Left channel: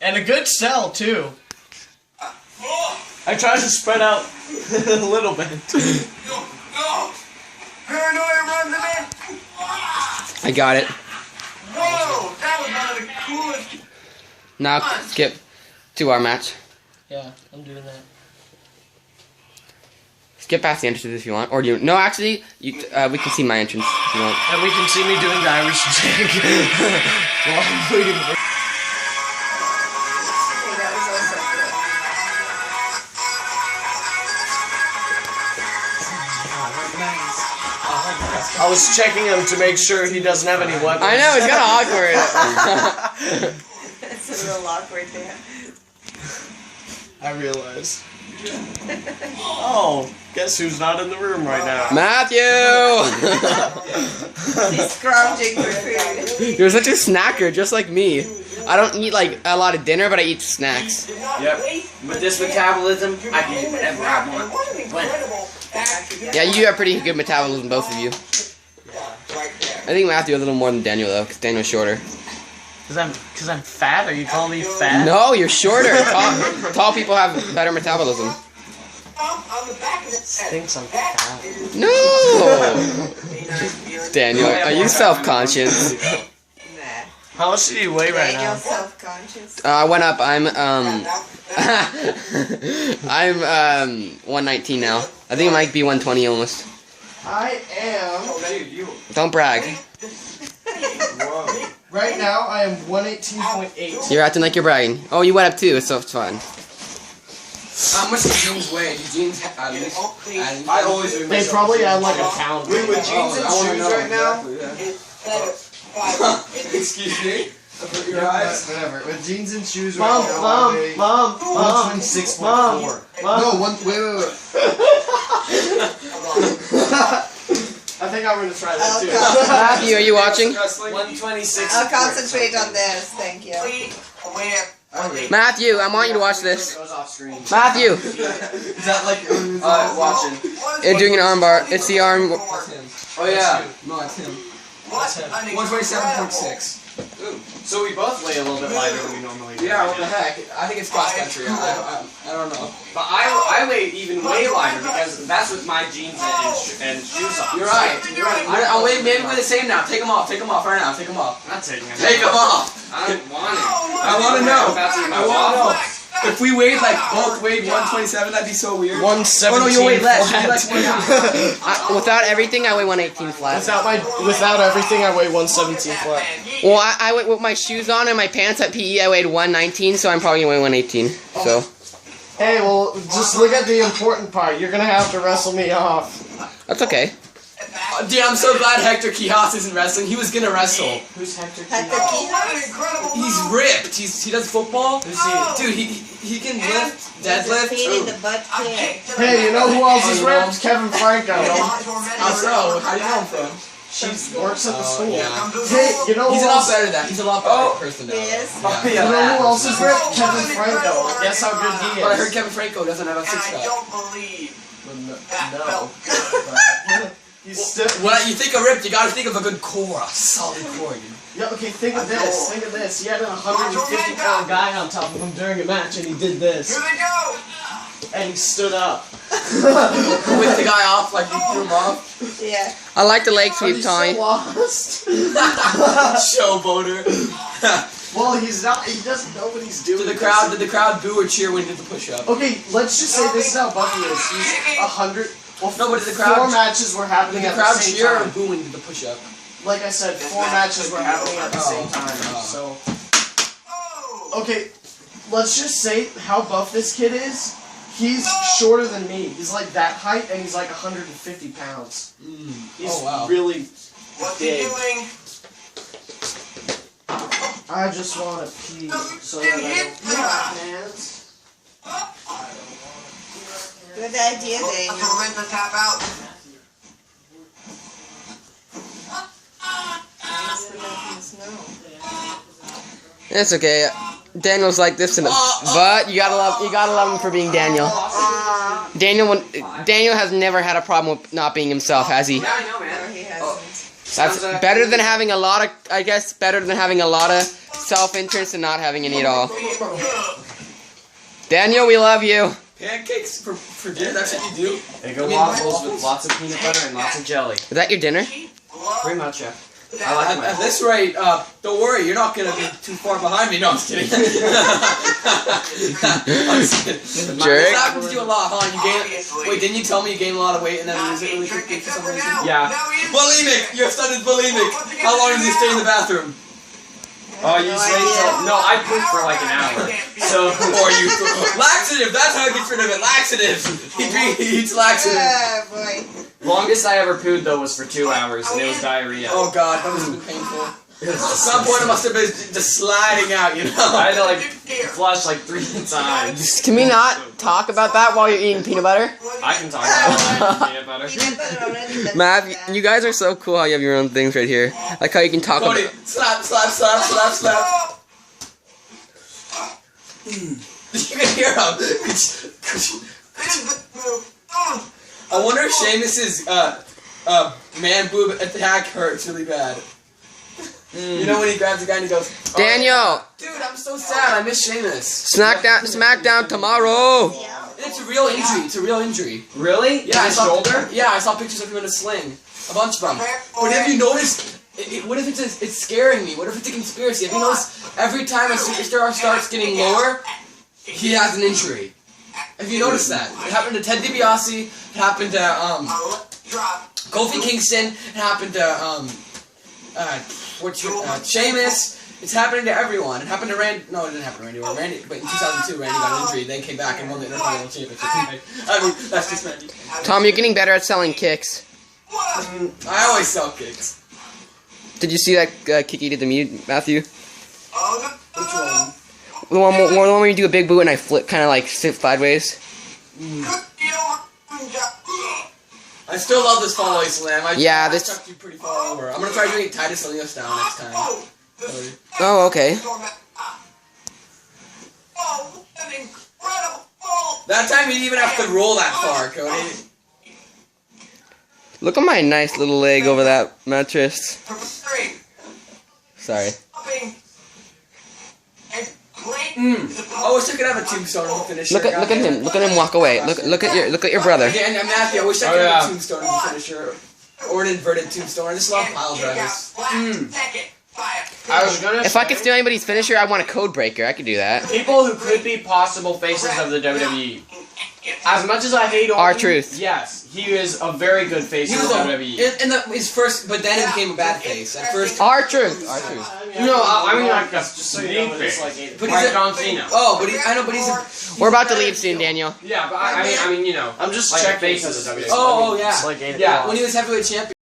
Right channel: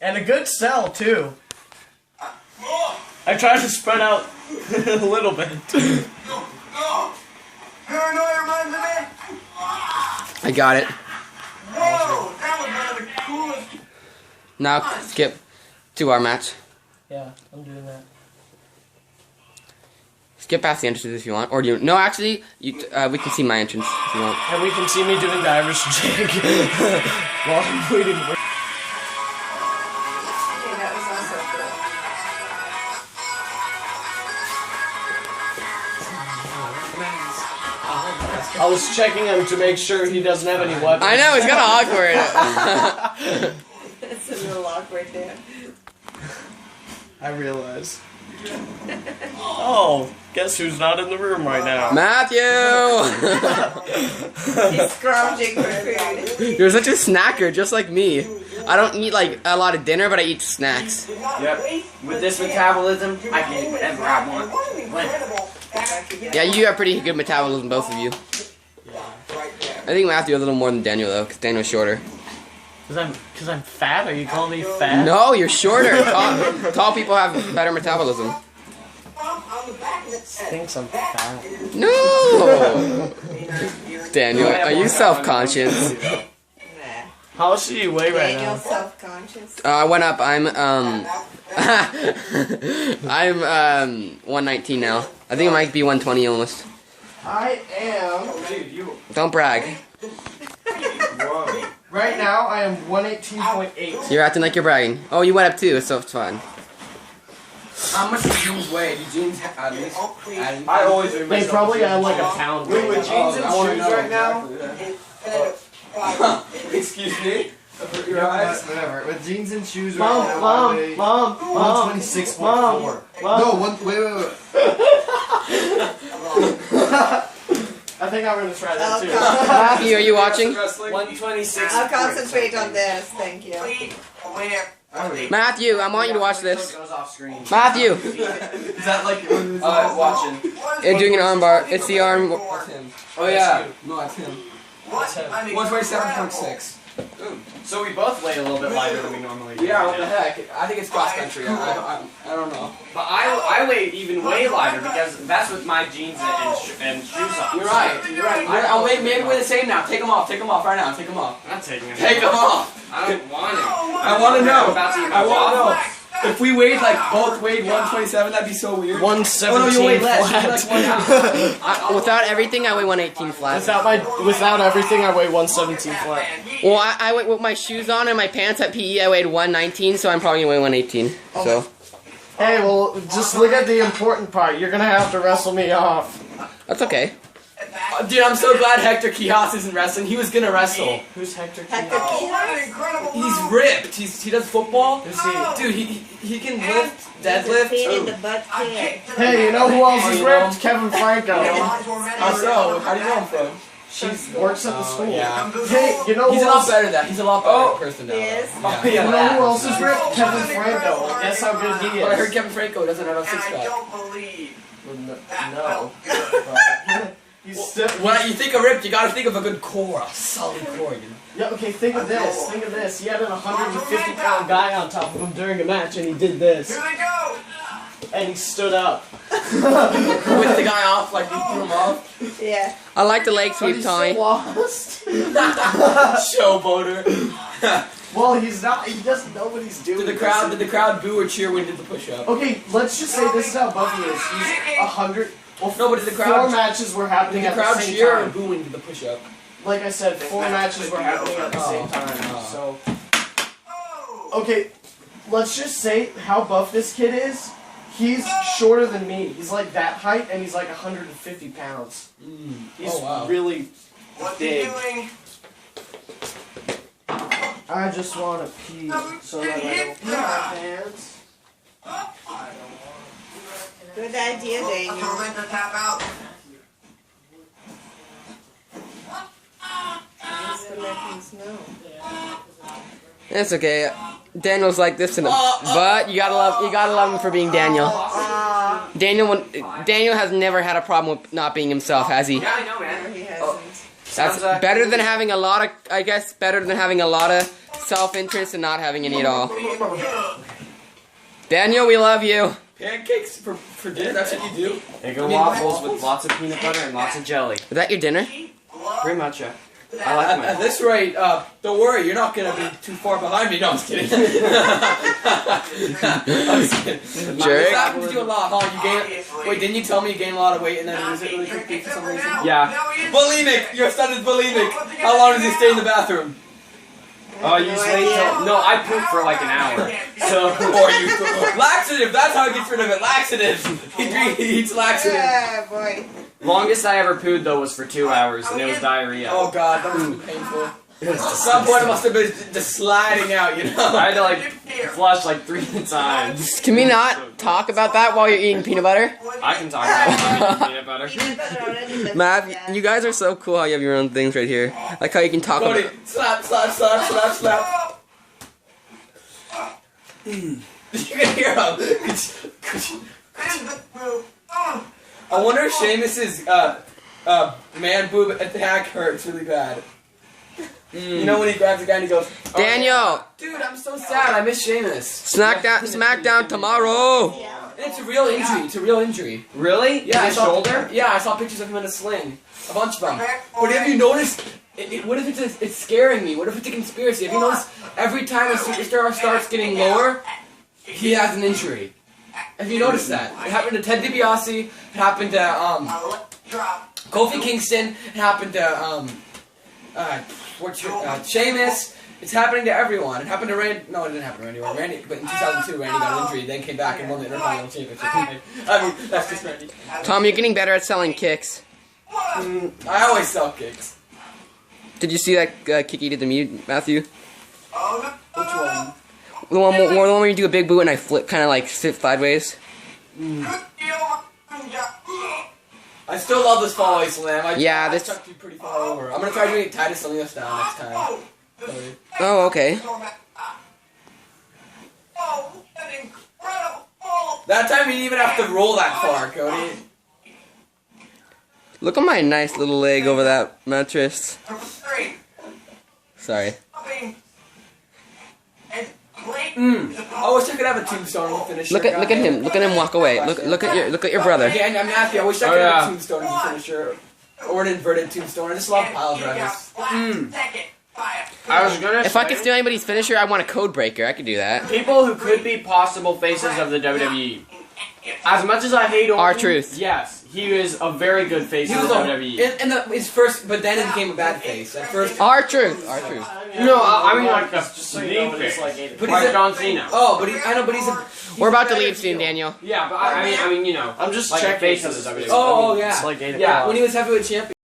And a good sell, too. I tried to spread out a little bit. Paranoia runs him in. I got it. Whoa, that was one of the coolest. Now skip to our match. Yeah, I'm doing that. Skip past the entrances if you want, or do you? No, actually, we can see my entrance if you want. And we can see me doing the Irish jig while I'm waiting. I was checking him to make sure he doesn't have any weapons. I know, it's kind of awkward. It's a little awkward there. I realized. Oh, guess who's not in the room right now? Matthew! He's scrounging for food. You're such a snacker, just like me. I don't eat like a lot of dinner, but I eat snacks. Yep. With this metabolism, I can eat whatever I want. When? Yeah, you have pretty good metabolism, both of you. I think Matthew a little more than Daniel though, because Daniel's shorter. Cause I'm fat? Are you calling me fat? No, you're shorter. Tall people have better metabolism. Thinks I'm fat. No! Daniel, are you self-conscious? How much do you weigh right now? Daniel's self-conscious. I went up. I'm 119 now. I think it might be 120 almost. I am. Don't brag. Right now, I am 118.8. You're acting like you're bragging. Oh, you went up too, so it's fine. How much do jeans weigh? Do jeans at least? I always They probably add like a pound. Wait, with jeans and shoes right now? Exactly. Excuse me? Your eyes? Whatever. With jeans and shoes right now, I weigh 126.4. No, wait. I think I'm gonna try that too. Matthew, are you watching? 126. I'll concentrate on this, thank you. Matthew, I want you to watch this. Goes off screen. Matthew! Is that like watching? They're doing an arm bar. It's the arm. Oh yeah. No, that's him. 127.6. So we both weigh a little bit lighter than we normally do. Yeah, what the heck? I think it's cross country. I don't know. But I weigh even way lighter because that's with my jeans and shoes on. You're right. I'll weigh maybe we're the same now. Take them off. Take them off right now. Take them off. I'm not taking them. Take them off. I don't want it. I want to know. I want to know. If we weighed both weighed 127, that'd be so weird. 117 Oh no, you weigh less. flat. You weigh like 127. Without everything, I weigh 118 flat. Without everything, I weigh 117 flat. Well, I went with my shoes on and my pants at PE. I weighed 119, so I'm probably gonna weigh 118. So. Hey, well, just look at the important part. You're gonna have to wrestle me off. That's okay. Dude, I'm so glad Hector Quijas isn't wrestling. He was gonna wrestle. Who's Hector? Hector Quijas. He's ripped. He does football. Who's he? Dude, he can lift, He's a deadlift. pain in the butt kid. Hey, you know who else is ripped? Kevin Franco. How so? How do you know him from? She works at the school. Yeah. Hey, you know He's who a lot else? better than that. He's a lot better person now. Yes. You know who else is ripped? Kevin Franco. Guess how good he is. But I heard Kevin Franco doesn't have a six-pack. No. He's still. When you think of ripped, you gotta think of a good core, a solid core. Yeah, okay, think of this. Think of this. He had an 150-pound guy on top of him during a match, and he did this. Here they go. And he stood up. With the guy off, like you threw him off. Yeah. I like the leg But sweep, he's Tommy. so lost. Showboater. Well, he's not. He doesn't know what he's doing. Did the crowd boo or cheer when he did the push-up? Okay, let's just say this is how Buffy is. He's 100. Well, No, but did the crowd- 4 matches were happening Did the at crowd the same cheer or time. boo when he did the push-up? Like I said, 4 matches were happening at the same time. So, okay, let's just say how buff this kid is. He's shorter than me. He's like that height, and he's like 150 pounds. He's really big. I just want to pee so that I don't pee my pants. Good idea, Daniel. Tormenta tap out. Just to let him know. It's okay. Daniel's like this, but you gotta love him for being Daniel. Daniel has never had a problem with not being himself, has he? Yeah, I know, man. He hasn't. That's better than having a lot of, I guess, better than having a lot of self-interest and not having any at all. Daniel, we love you. Pancakes for dinner, that's what you do? Egg and waffles with lots of peanut butter and lots of jelly. Is that your dinner? Pretty much, yeah. I like At mine. this rate, don't worry, you're not gonna be too far behind me. No, I'm just kidding. I'm just kidding. Jerk. This happens to you a lot, huh? You gain. Wait, didn't you tell me you gain a lot of weight and then lose it really quickly for some reason? Yeah. Bulimic! Your son is bulimic! How long does he stay in the bathroom? Oh, you sleep till... No, I poop for like an hour. So... Or you... Laxative! That's how he gets rid of it. Laxative! He eats laxative. Oh, boy. Longest I ever pooed, though, was for 2 hours, and it was diarrhea. Oh god, that must have been painful. At some point it must have been just sliding out, you know? I had to, like, flush like 3 times. Can we not talk about that while you're eating peanut butter? I can talk about peanut butter. Peanut butter already, but Mav, yeah. you guys are so cool how you have your own things right here. Like how you can talk Cody, about... slap, slap, slap, slap, slap. You can hear him. I wonder if Seamus's man boob attack hurts really bad. You know when he grabs the guy and he goes, Daniel! dude, I'm so sad. I miss Seamus. Smackdown tomorrow! And it's a real injury. It's a real injury. Really? Yeah, His shoulder? Yeah, I saw pictures of him in a sling. A bunch of them. But have you noticed? What if it's scaring me? What if it's a conspiracy? Have you noticed every time a superstar starts getting lower, he has an injury? Have you noticed that? It happened to Ted DiBiase. It happened to Kofi Kingston. It happened to Sheamus. It's happening to everyone. It happened to Randy. No, it didn't happen to Randy. Randy, but in 2002, Randy got an injury. Then came back and won the Intercontinental Championship. I mean, that's just Randy. Tom, you're getting better at selling kicks. I always sell kicks. Did you see that kick you did to me, Matthew? Which one? The one where you do a big boot and I flip, kind of like sit sideways. I still love this fall away slam. I this- chucked you pretty far over. I'm gonna try doing it Titus Lilio style next time. Oh, okay. That time you didn't even have to roll that far, Cody. Look at my nice little leg over that mattress. Sorry. I wish I could have a tombstone finisher. Look at him. Look at him walk away. Look at your brother. Yeah, and Matthew, I wish I could have a tombstone as a finisher. Or an inverted tombstone. I just love pile drivers. I was gonna If I could steal anybody's finisher, I want a code breaker. I could do that. people who could be possible faces of the WWE. As much as I hate Orton, R-Truth. yes, he is a very good face He of was the a, WWE. his first, but then it became a bad face. At first, R-Truth. No, I mean like a Just so you know, sneak it's face. like But Like he's a- John Cena. oh, but I know, but he's We're about to leave soon, Daniel. Yeah, but I mean, you know. I'm just like checking face of because the WWE. Oh, yeah. It's like 8 Yeah, o'clock. when he was heavyweight champion.